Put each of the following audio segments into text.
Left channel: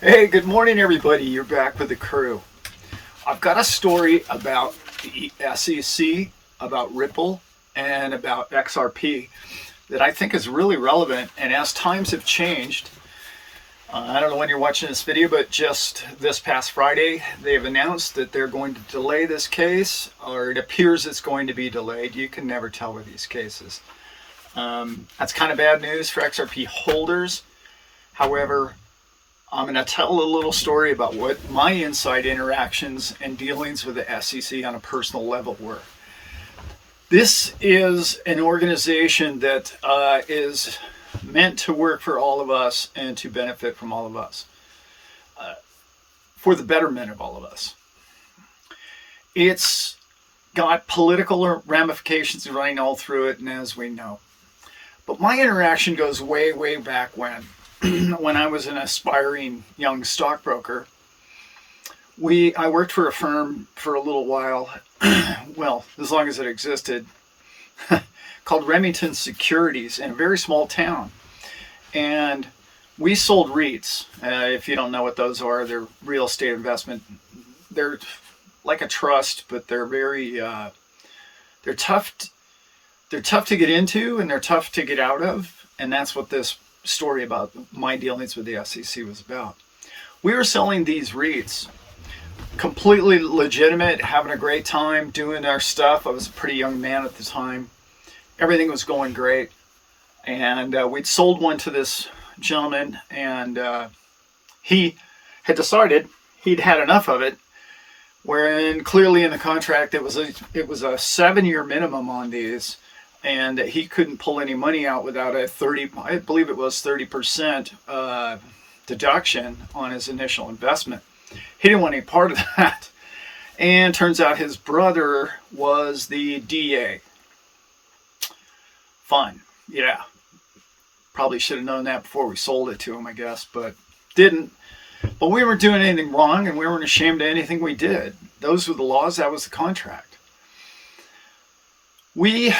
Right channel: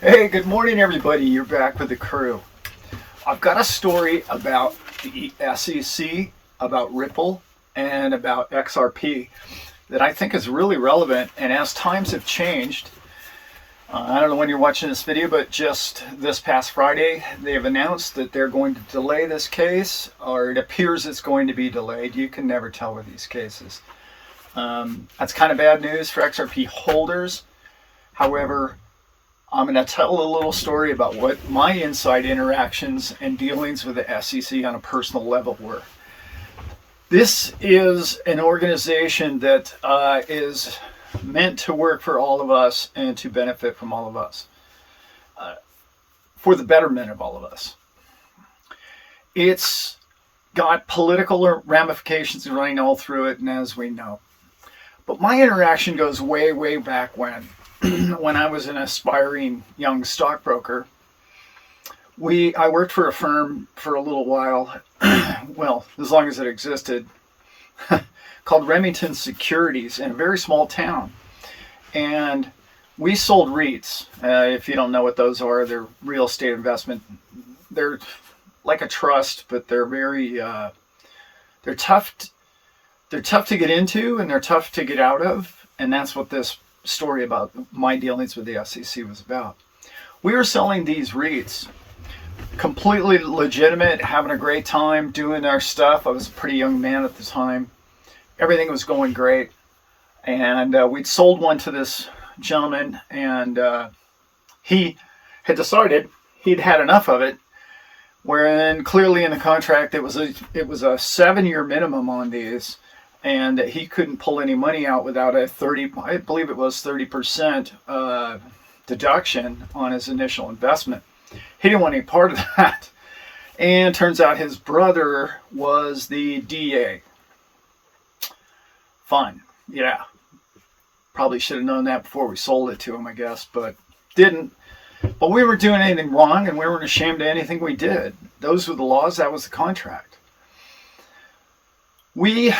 Hey, good morning, everybody. You're back with the crew. I've got a story about the SEC, about Ripple, and about XRP that I think is really relevant. And as times have changed, I don't know when you're watching this video, but just this past Friday, they have announced that they're going to delay this case, or it appears it's going to be delayed. You can never tell with these cases. That's kind of bad news for XRP holders. However, I'm going to tell a little story about what my inside interactions and dealings with the SEC on a personal level were. This is an organization that is meant to work for all of us and to benefit from all of us, for the betterment of all of us. It's got political ramifications running all through it, and as we know. But my interaction goes way, way back when. When I was an aspiring young stockbroker, I worked for a firm for a little while, well, as long as it existed, called Remington Securities in a very small town. And we sold REITs. If you don't know what those are, they're real estate investment. They're like a trust, but they're very, they're tough to get into and they're tough to get out of. And that's what this story about my dealings with the SEC was about. We were selling these REITs, completely legitimate, having a great time, doing our stuff. I was a pretty young man at the time. Everything was going great. And we'd sold one to this gentleman, and he had decided he'd had enough of it, wherein clearly in the contract it was a 7-year minimum on these, and that he couldn't pull any money out without a 30% deduction on his initial investment. He didn't want any part of that. And turns out his brother was the DA. Fine. Yeah. Probably should have known that before we sold it to him, I guess, but didn't. But we weren't doing anything wrong, and we weren't ashamed of anything we did. Those were the laws. That was the contract. We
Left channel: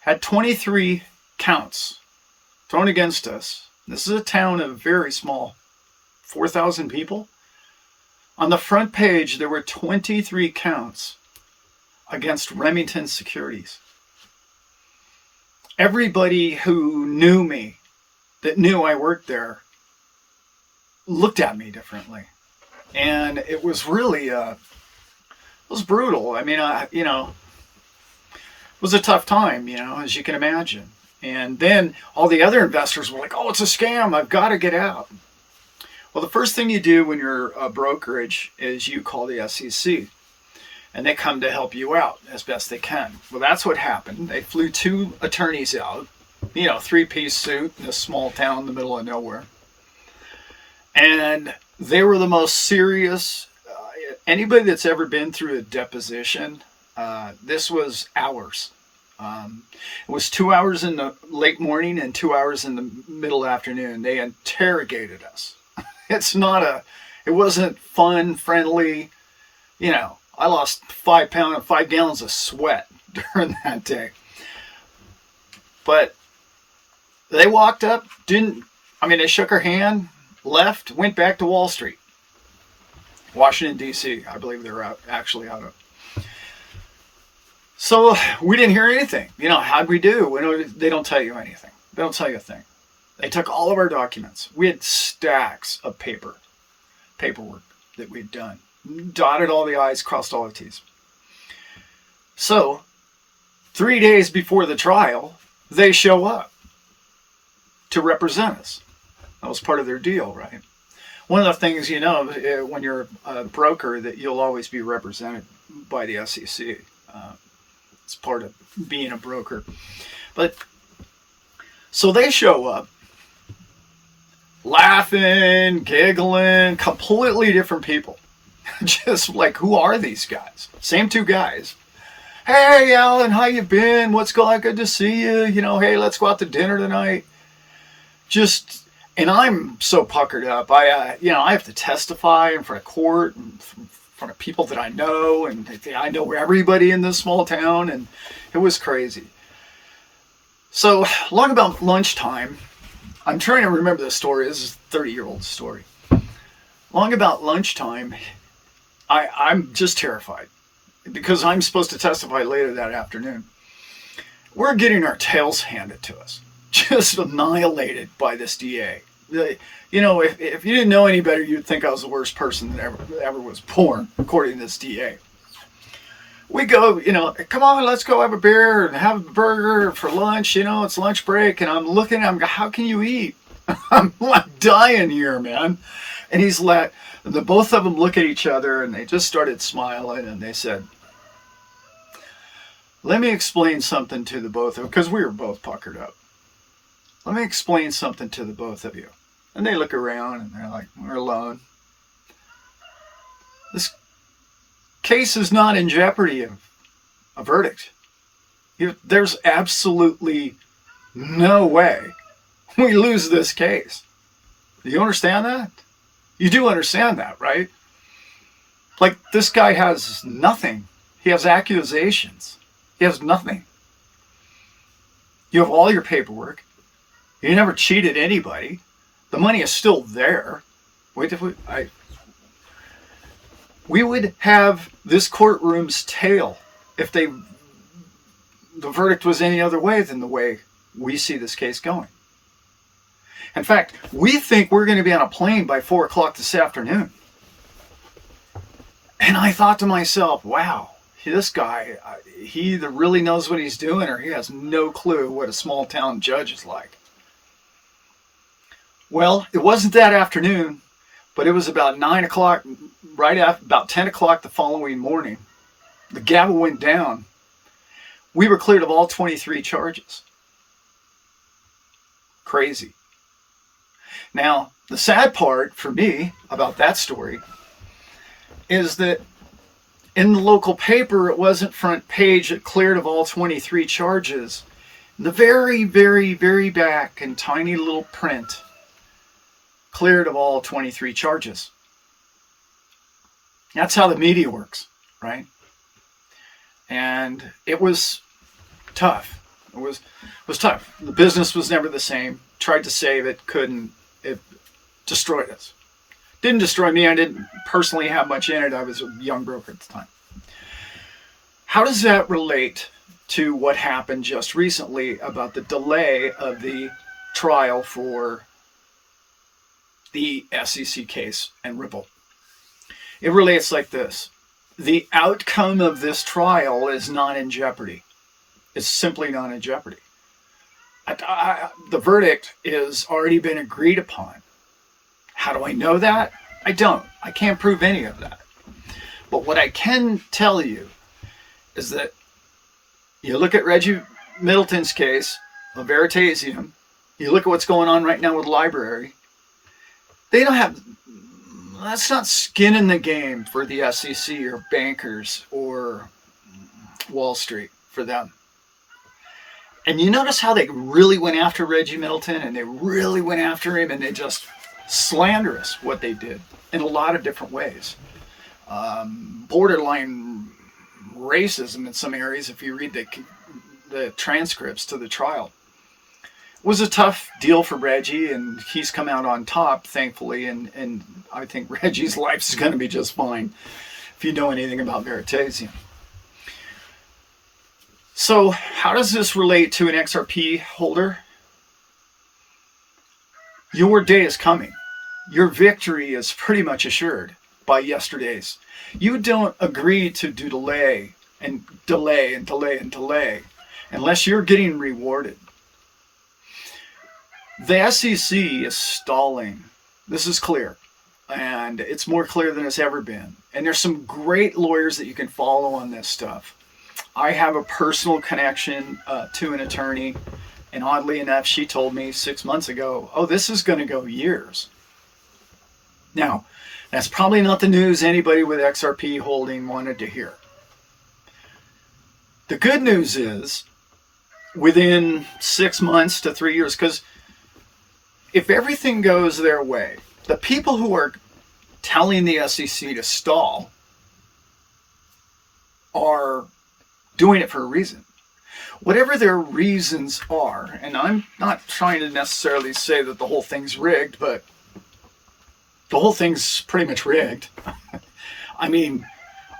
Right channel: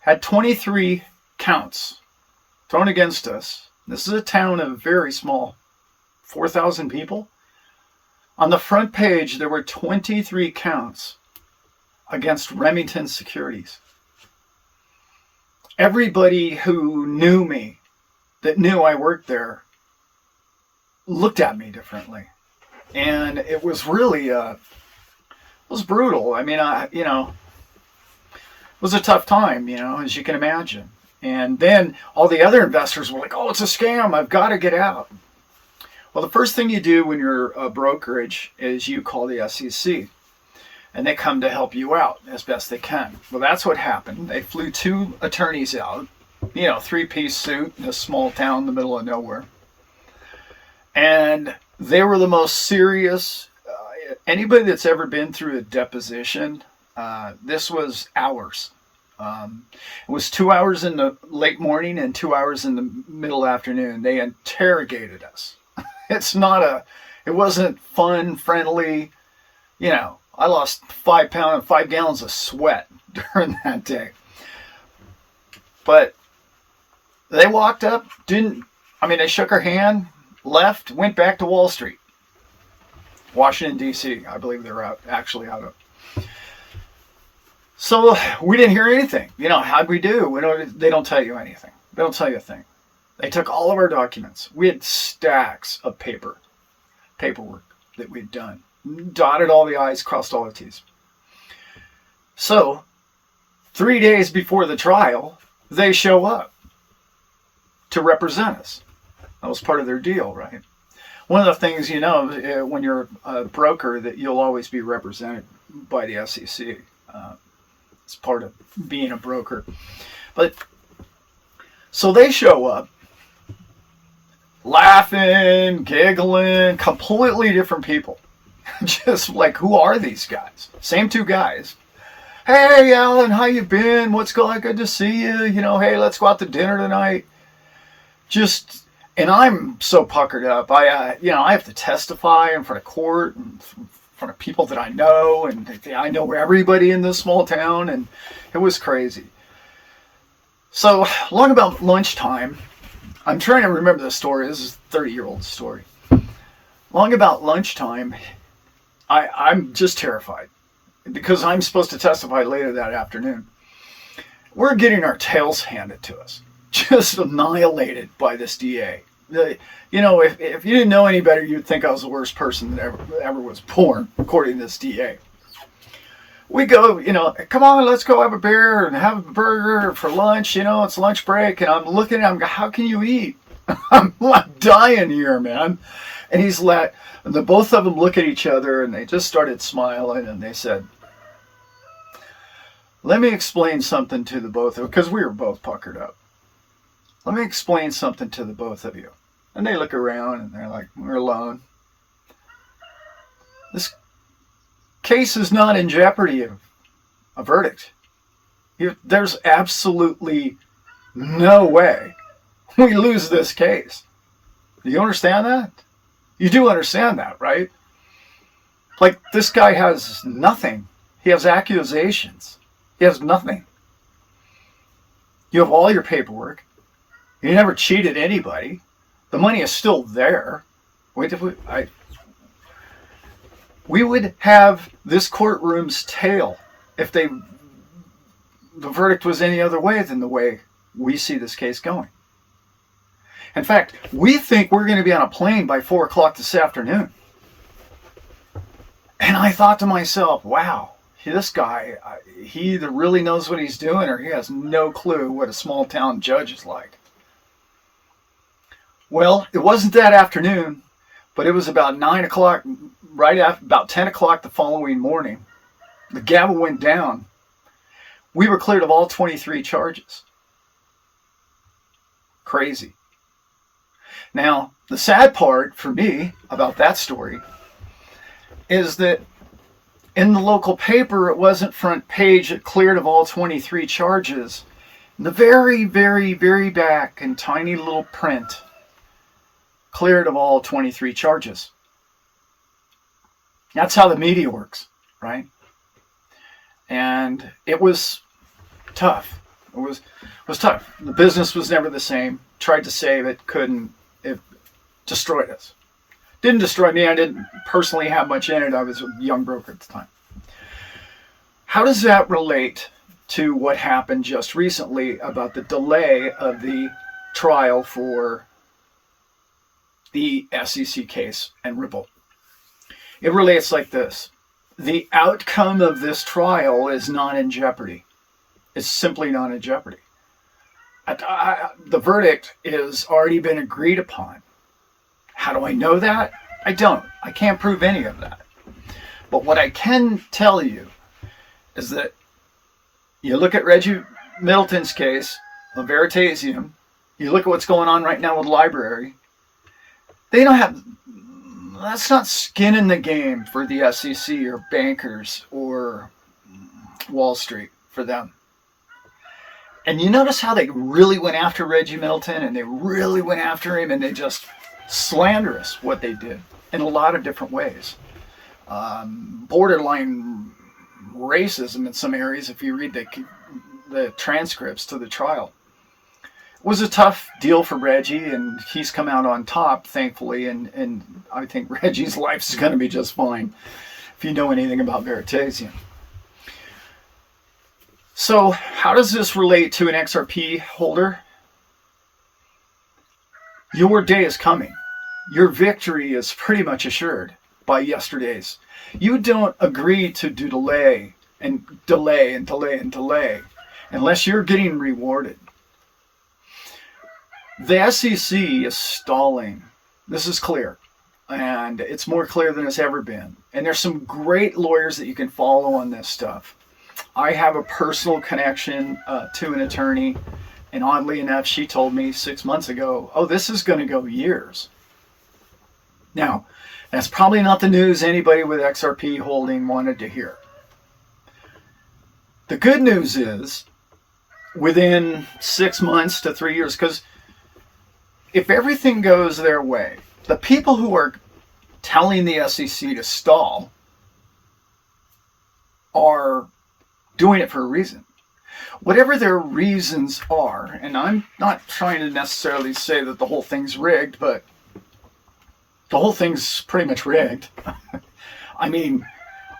had 23 counts thrown against us. This is a town of very small, 4,000 people. On the front page, there were 23 counts against Remington Securities. Everybody who knew me, that knew I worked there, looked at me differently. And it was really, it was brutal. I mean, it was a tough time, as you can imagine. And then all the other investors were like, oh, it's a scam. I've got to get out. Well, the first thing you do when you're a brokerage is you call the SEC. And they come to help you out as best they can. Well, that's what happened. They flew 2 attorneys out, 3-piece suit in this small town in the middle of nowhere. And they were the most serious. Anybody that's ever been through a deposition, this was hours. It was 2 hours in the late morning and 2 hours in the middle afternoon. They interrogated us. It wasn't fun, friendly. I lost 5 gallons of sweat during that day. But they walked up, they shook our hand, left, went back to Wall Street. Washington, D.C., I believe they were actually out of. So we didn't hear anything. How'd we do? They don't tell you anything. They don't tell you a thing. They took all of our documents. We had stacks of paperwork that we'd done. Dotted all the I's, crossed all the T's. So 3 days before the trial, they show up to represent us. That was part of their deal, right? One of the things, when you're a broker, that you'll always be represented by the SEC. It's part of being a broker. But so they show up laughing, giggling, completely different people. Just like, who are these guys? Same 2 guys. Hey, Allan, how you been? What's going on? Good to see you. Hey, let's go out to dinner tonight. And I'm so puckered up. I have to testify in front of court and in front of people that I know, and I know everybody in this small town, and it was crazy. So, long about lunchtime, I'm trying to remember the story. This is a 30-year-old story. Long about lunchtime, I'm just terrified because I'm supposed to testify later that afternoon. We're getting our tails handed to us, just annihilated by this DA. You know, if you didn't know any better, you'd think I was the worst person that ever was born, according to this DA. We go, you know, come on, let's go have a beer and have a burger for lunch. You know, it's lunch break. And I'm looking at him, how can you eat? I'm like dying here, man. And he's like, the both of them look at each other and they just started smiling and they said, let me explain something to the both of you, because we were both puckered up. Let me explain something to the both of you. And they look around and they're like, we're alone. This case is not in jeopardy of a verdict. There's absolutely no way we lose this case. Do you understand that? You do understand that, right? Like, this guy has nothing. He has accusations. He has nothing. You have all your paperwork. You never cheated anybody. The money is still there. Wait, we would have this courtroom's tail if the verdict was any other way than the way we see this case going. In fact, we think we're going to be on a plane by 4 o'clock this afternoon. And I thought to myself, wow, this guy, he either really knows what he's doing or he has no clue what a small town judge is like. Well, it wasn't that afternoon, but it was about 9 o'clock, right after, about 10 o'clock the following morning. The gavel went down. We were cleared of all 23 charges. Crazy. Now, the sad part for me about that story is that in the local paper, it wasn't front page, it cleared of all 23 charges. In the very, very, very back in tiny little print, cleared of all 23 charges. That's how the media works, right? And it was tough. It was tough. The business was never the same. Tried to save it, couldn't. It destroyed us. Didn't destroy me. I didn't personally have much in it. I was a young broker at the time. How does that relate to what happened just recently about the delay of the trial for the SEC case and Ripple? It relates like this. The outcome of this trial is not in jeopardy. It's simply not in jeopardy. The verdict has already been agreed upon. How do I know that? I don't. I can't prove any of that. But what I can tell you is that you look at Reggie Middleton's case, the Veritasium, you look at what's going on right now with Library, they don't have, that's not skin in the game for the SEC or bankers or Wall Street for them. And you notice how they really went after Reggie Middleton and they really went after him and they just slanderous what they did in a lot of different ways. Borderline racism in some areas if you read the transcripts to the trial. It was a tough deal for Reggie and he's come out on top, thankfully, and I think Reggie's life is going to be just fine if you know anything about Veritasium. So how does this relate to an XRP holder? Your day is coming. Your victory is pretty much assured by yesterday's. You don't agree to delay and delay and delay and delay unless you're getting rewarded. The SEC is stalling. This is clear. And it's more clear than it's ever been. And there's some great lawyers that you can follow on this stuff. I have a personal connection to an attorney, and oddly enough, she told me 6 months ago, oh, this is going to go years. Now, that's probably not the news anybody with XRP holding wanted to hear. The good news is, within 6 months to 3 years, because if everything goes their way, the people who are telling the SEC to stall are doing it for a reason. whatever their reasons are, and I'm not trying to necessarily say that the whole thing's rigged, but the whole thing's pretty much rigged. I mean,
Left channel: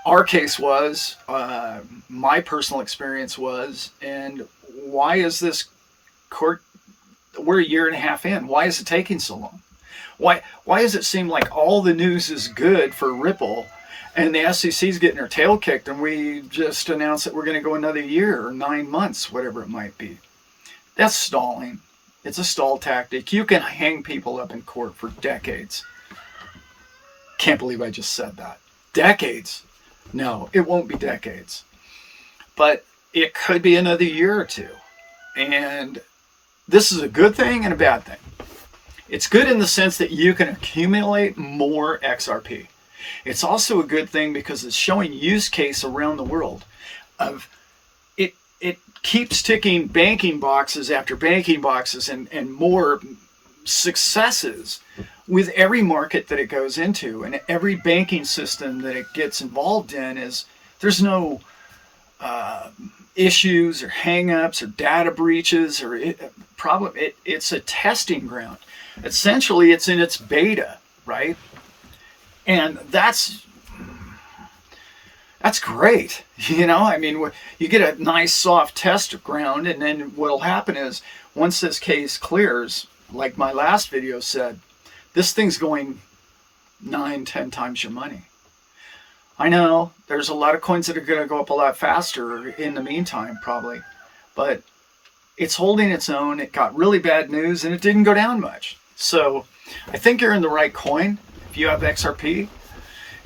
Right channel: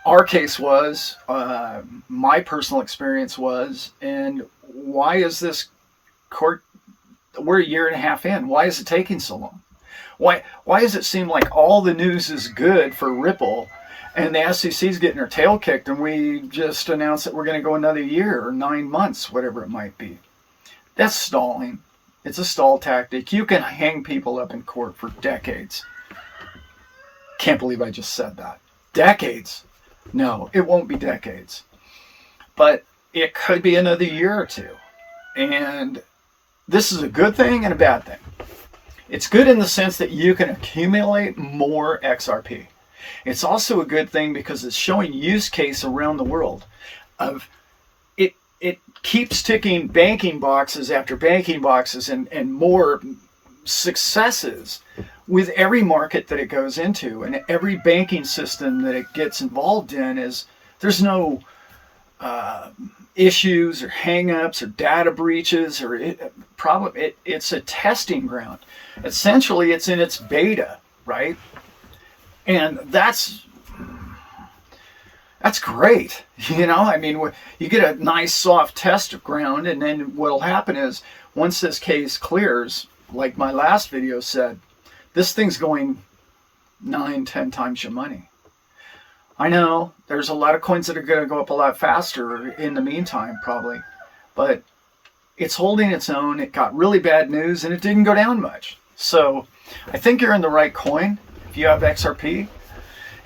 our case was, my personal experience was, and why is this court, we're a year and a half in, why is it taking so long? Why does it seem like all the news is good for Ripple and the SEC's getting her tail kicked and we just announced that we're going to go another year or 9 months, whatever it might be? That's stalling. It's a stall tactic. You can hang people up in court for decades. Can't believe I just said that. Decades. No, it won't be decades. But it could be another year or two. And this is a good thing and a bad thing. It's good in the sense that you can accumulate more XRP. It's also a good thing because it's showing use case around the world of it keeps ticking banking boxes after banking boxes and more successes with every market that it goes into, and every banking system that it gets involved in is there's no issues or hangups or data breaches or it's a testing ground. Essentially, it's in its beta, right? And that's great. You know, I mean, you get a nice soft test ground, and then what'll happen is once this case clears, like my last video said, this thing's going 9-10 times your money. I know there's a lot of coins that are going to go up a lot faster in the meantime, probably, but it's holding its own. It got really bad news and it didn't go down much. So I think you're in the right coin if you have XRP.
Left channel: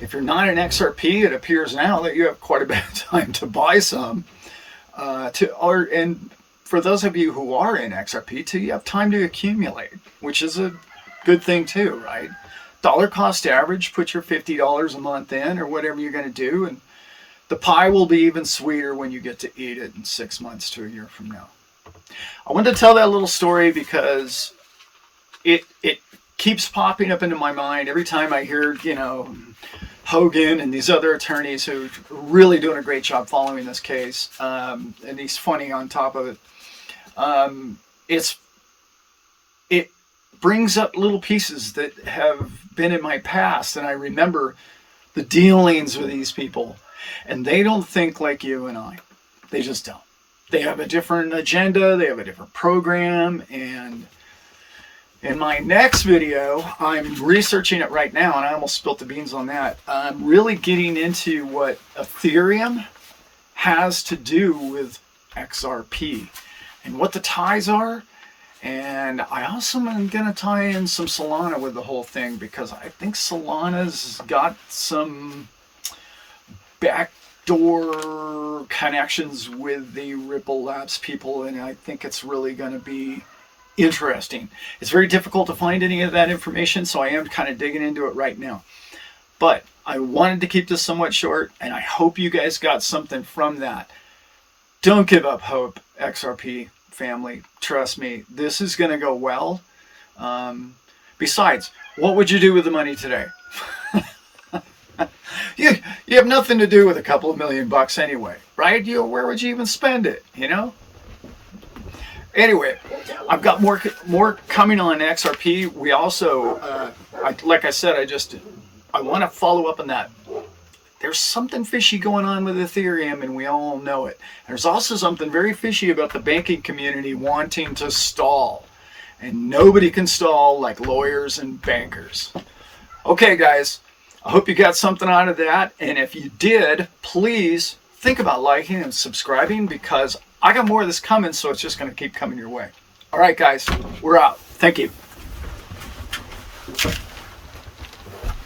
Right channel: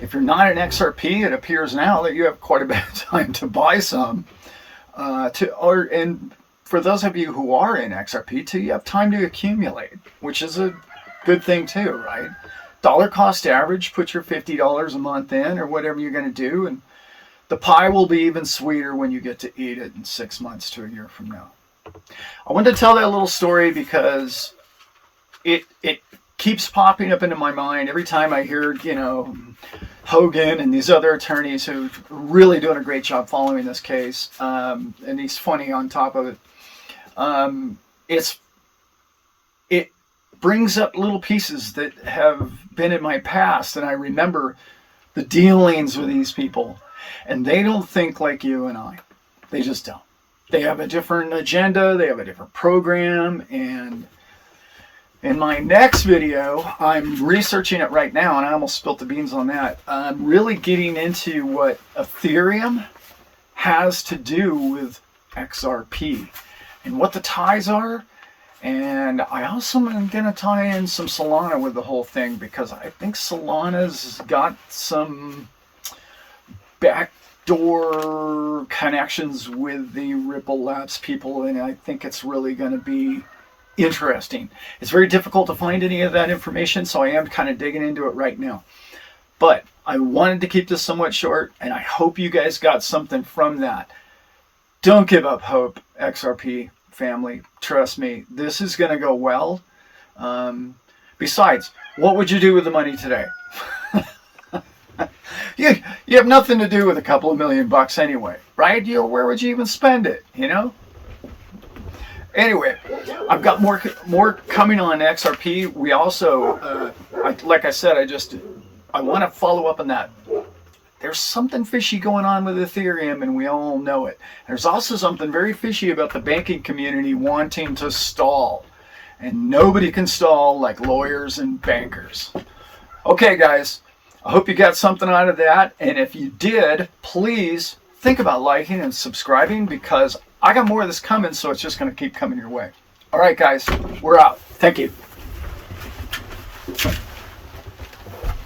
If you're not in XRP, it appears now that you have quite a bit of time to buy some. And for those of you who are in XRP, you have time to accumulate, which is a good thing too, right? Dollar cost average, put your $50 a month in or whatever you're going to do, and the pie will be even sweeter when you get to eat it in 6 months to a year from now. I wanted to tell that little story because it keeps popping up into my mind every time I hear, you know, Hogan and these other attorneys who are really doing a great job following this case, and he's funny on top of it. It brings up little pieces that have been in my past, and I remember the dealings with these people, and they don't think like you and I. They just don't. They have a different agenda, they have a different program, and in my next video, I'm researching it right now, and I almost spilt the beans on that. I'm really getting into what Ethereum has to do with XRP and what the ties are. And I also am going to tie in some Solana with the whole thing because I think Solana's got some backdoor connections with the Ripple Labs people, and I think it's really going to be interesting. It's very difficult to find any of that information, so I am kind of digging into it right now. But I wanted to keep this somewhat short, and I hope you guys got something from that. Don't give up hope, XRP family. Trust me, this is going to go well. Besides, what would you do with the money today? You have nothing to do with a couple of $1,000,000 anyway, right? Where would you even spend it, you know? Anyway, I've got more coming on XRP. We also, like I said, I want to follow up on that. There's something fishy going on with Ethereum, and we all know it. There's also something very fishy about the banking community wanting to stall. And nobody can stall like lawyers and bankers. Okay, guys, I hope you got something out of that. And if you did, please think about liking and subscribing because I got more of this coming, so it's just going to keep coming your way. All right, guys, we're out. Thank you.